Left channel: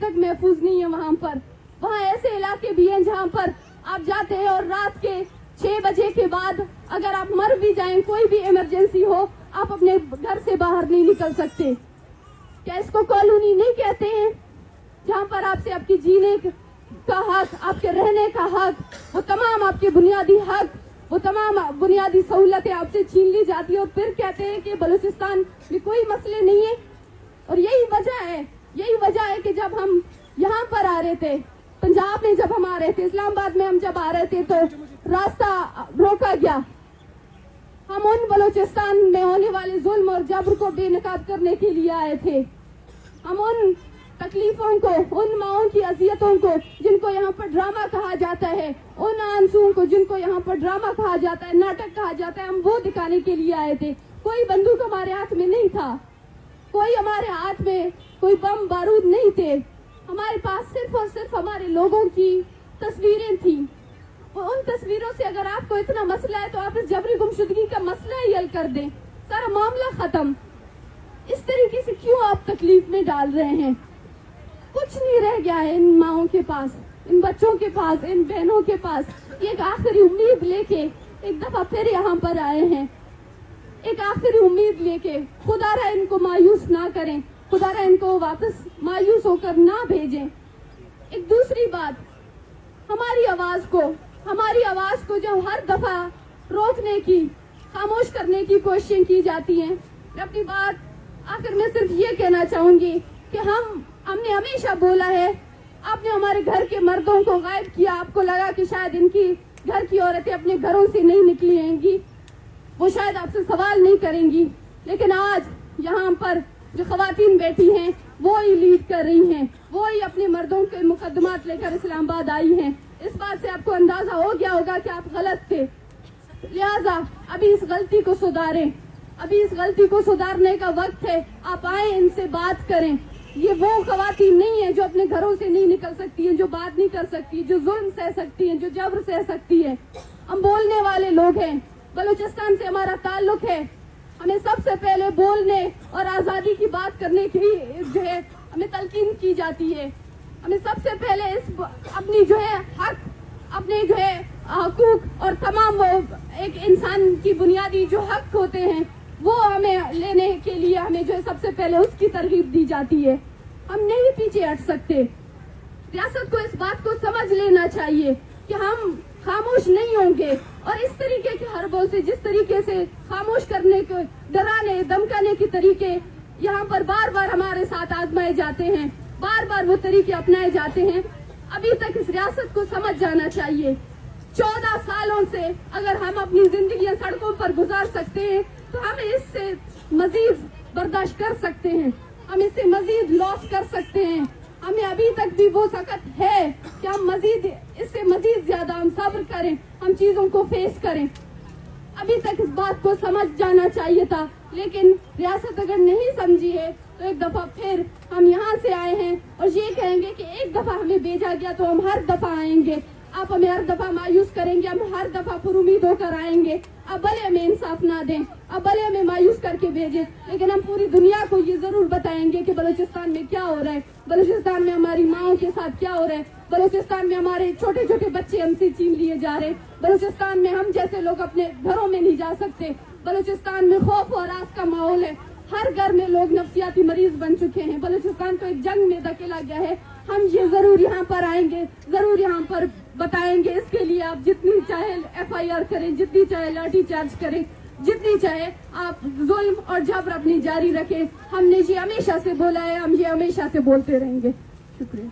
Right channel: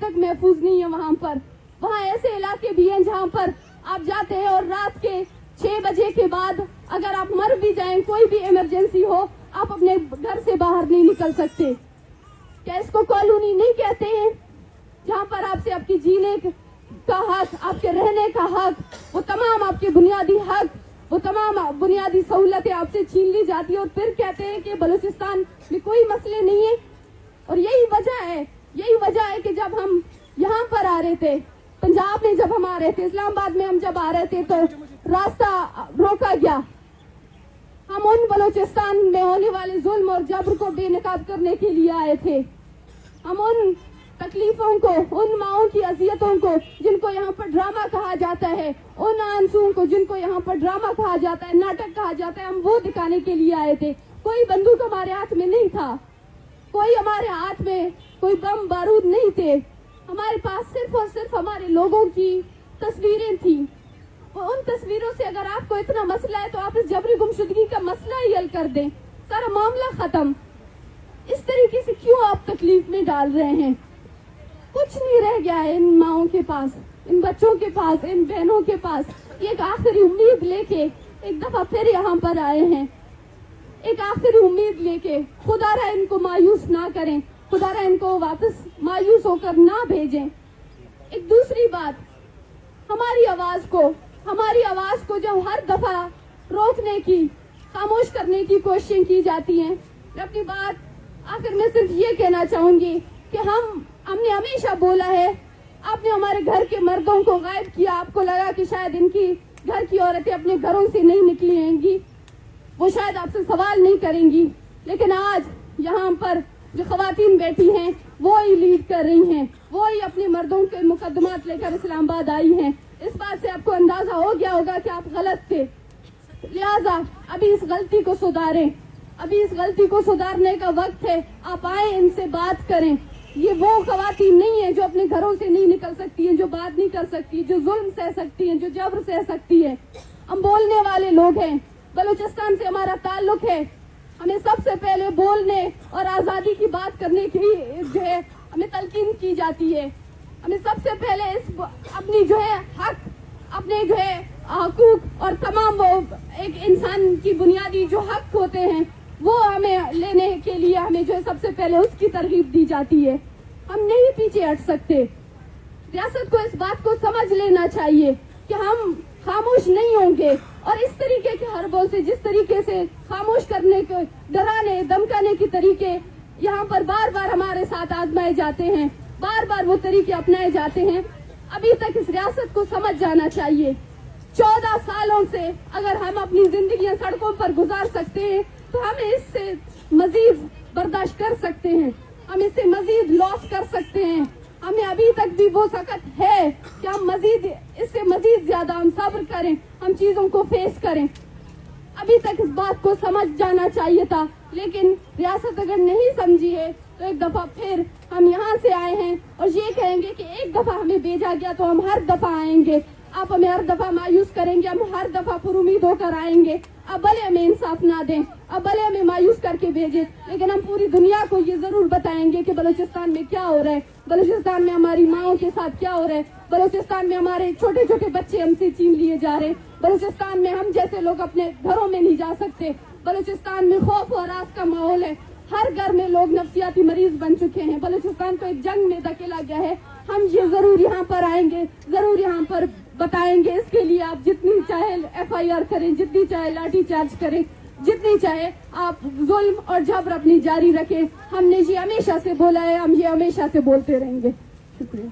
तक महफूज नहीं है वहाँ ऐसे इलाके भी हैं जहाँ पर आप जाते हैं और रात के 6 बजे के बाद अगर आप मर भी जाएं, कोई भी इमरजेंसी हो, आप अपने घर से बाहर नहीं निकल सकते। क्या इसको कॉलोनी नहीं कहते हैं? जहाँ पर आपसे आपकी जीने का हक, आपके रहने का हक, वो तमाम आपके बुनियादी हक, वो तमाम बुनियादी सहूलतें आपसे छीन ली जाती है और फिर कहते हैं कि बलूचिस्तान में कोई मसले नहीं है। और यही वजह है कि जब हम यहाँ पर आ रहे थे, पंजाब में जब हम आ रहे थे, इस्लामाबाद में हम जब आ रहे थे, तो रास्ता रोका गया। हम उन बलूचिस्तान में होने वाले जुल्म और जबर को बेनकाब करने के लिए आए थे। हम उन तकलीफों को, उन माओं की अजियतों को जिनको यहाँ पर ड्रामा कहा जाता है, उन आंसुओं को जिनको यहाँ पर ड्रामा कहा जाता है, नाटक कहा जाता है, हम वो दिखाने के लिए आए थे। कोई बंदूक हमारे हाथ में नहीं था, कोई हमारे हाथ में कोई बम बारूद नहीं थे। हमारे पास सिर्फ और सिर्फ हमारे लोगों की तस्वीरें थी। उन तस्वीरों से अगर आपको इतना मसला है तो आप इस जबरी गुमशुदगी का मसला ही हल कर दें, सारा मामला खत्म। इस तरीके से क्यों आप तकलीफ में डाल रहे हैं? कुछ नहीं रह गया है इन माओं के पास, इन बच्चों के पास, इन बहनों के पास। एक आखिरी उम्मीद लेके एक दफा फिर यहाँ पर आए हैं, एक आखिरी उम्मीद लेके। खुदारा इनको मायूस ना करें, खुदारा इनको वापस मायूस होकर ना भेजें। एक दूसरी बात, हमारी आवाज को जो हर दफा रोकने की, खामोश करने की कोशिशें की जाती हैं। मैं अपनी बात आखिर में सिर्फ ये कहना चाहूंगी कि हमने हमेशा बोला है, आपने हमारे घर के मर्दों को गायब किया। आपको लगा कि शायद इनकी घर की औरतें अपने घरों से नहीं निकलेंगी, वो शायद आपसे सवाल नहीं करेंगी, लेकिन आज यहाँ पर जो खवातीन बैठी हैं वो ही लीड कर रही हैं, वो ही अपने मर्दों के मुकदमात लेकर इस्लामाबाद आई हैं। इस बात से आपको अंदाजा हो गया होगा कि आप गलत थे, लिहाजा अभी इस गलती को सुधारें। अभी इस गलती को सुधारने का वक्त है। आप आए, इनसे बात करें। ये वो खवातीन नहीं है जो अपने घरों से नहीं निकल सकती हैं, जो बात नहीं कर सकती, जो जुल्म सह सकती हैं, जो जबर सह सकती है। हम बोलने वाले लोग हैं, बलूचिस्तान से हमारा ताल्लुक है। हमें सबसे पहले बोलने और आजादी की बात करने की जो है हमें तलकीन की जाती है। हमें सबसे पहले अपनी जो है हक, अपने जो है हकूक और तमाम वो एक इंसान की बुनियादी जो हक होते हैं वो हमें लेने के लिए हमें जो है सबसे पहले उसकी तरगीब दी जाती है। हम नहीं पीछे हट सकते। रियासत को इस बात को समझ लेना चाहिए कि हम खामोश नहीं होंगे और इस तरीके के हर बोल से, जिस तरीके से खामोश करने के, डराने धमकाने के तरीके यहाँ पर बार बार हमारे साथ आजमाए जाते हैं, बार बार वो तरीके अपनाए जाते हैं। अभी तक इस रियासत को समझ जाना चाहिए, 14 सालों से अगर हम अपनी जिंदगी सड़कों पर गुजार सकते हैं तो हम इससे मजीद बर्दाश्त कर सकते हैं, हम इससे मजीद लॉस कर सकते हैं। हमें अभी तक भी वो सकत है कि हम इससे मजीद ज्यादा हम सब्र करें, हम चीजों को फेस करें। अभी तक इस बात को समझ जाना चाहिए था, लेकिन रियासत अगर नहीं समझी है तो एक दफा फिर हम यहाँ से आए हैं और ये कहेंगे कि एक दफा हमें भेजा गया तो हम हर दफा आएंगे। आप हमें हर दफा मायूस करेंगे, हम हर दफा पुरुमीद होकर आएंगे। अब भले हमें इंसाफ ना दें, अब भले हमें मायूस करके भेजें, लेकिन हम पूरी दुनिया को ये जरूर बताएंगे कि बलूचिस्तान में क्या हो रहा है, बलूचिस्तान में हमारी माओं के साथ क्या हो रहा है, बलूचिस्तान में हमारे छोटे छोटे बच्चे हमसे छीन लिए जा रहे हैं, बलूचिस्तान में हम जैसे लोग अपने घरों में नहीं जा सकते, बलूचिस्तान में खौफ और आस का माहौल है, हर घर में लोग नफ्सियाती मरीज बन चुके हैं, बलूचिस्तान तो एक जंग में धकेला गया है। हम ये जरूर यहाँ पर आएंगे, जरूर यहाँ पर बताएंगे। इसके लिए आप जितनी चाहे FIR करें, जितनी चाहे लाठी चार्ज करें, जितनी चाहे आप जुल्म और जबर अपनी जारी रखें। हमने ये हमेशा से बोला है, हम ये हमेशा से बोलते रहेंगे। शुक्रिया।